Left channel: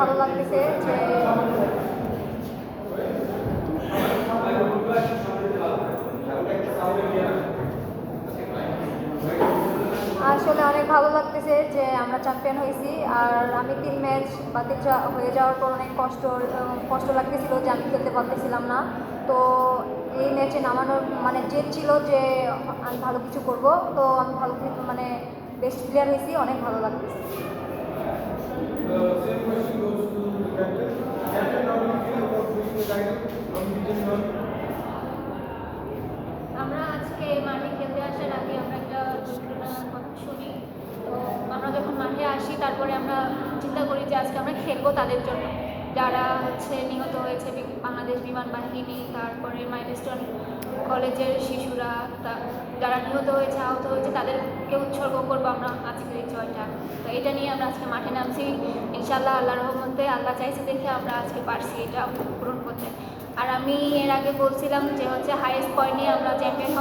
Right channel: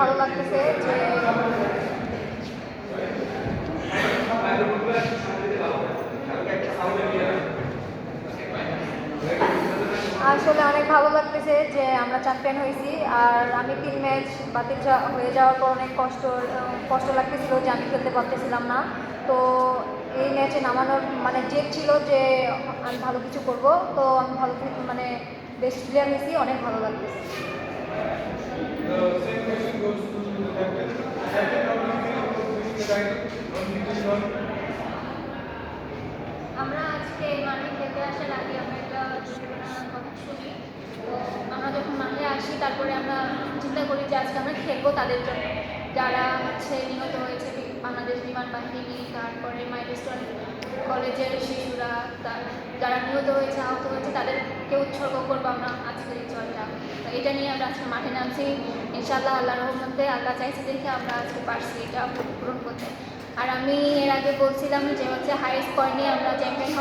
ভালো লাগতেছে যে আসলে অনেক ভালো লাগতেছে যে আমরা চ্যাম্পিয়ন হয়েছি আর আমি তিন ম্যাচ বাতিল হয়ে যাওয়ার পর অনেক কষ্ট কষ্ট লাগতেছিল যে আমি খেলতে পারতেছিলাম না। তো এই ম্যাচে নামানোর মানে জেদ ছিল যে আমি ভালো কিছু করব। তো আমি ভালো মানে বেস্ট প্লেয়ার হয়েছি, অনেক ভালো লাগতেছে। তারপরে আমরা চিন্তা করি যে আজকে আমরা খেলব তাদের জন্য। যারা হচ্ছে নিহত হয়েছে বাংলাদেশ বিমান বাহিনী, তারপরে মাইলস্টোন কলেজের শিশুরা যারা নিহত হয়েছে, আহত হয়েছে, তাদেরকে উৎসর্গ করব আমরা আজকের এই এটা নিয়ে আমরা আজকে মাঠে নামছি। ইনশাল্লাহ আল্লাহর রহমতে, আল্লাহ চাইছে দেখে আমরা আজকে পারছি। এটা পূরণ আমি এর আগে বলছিলাম যে হচ্ছে হাইয়েস্ট পয়েন্টে আমরা চ্যাম্পিয়ন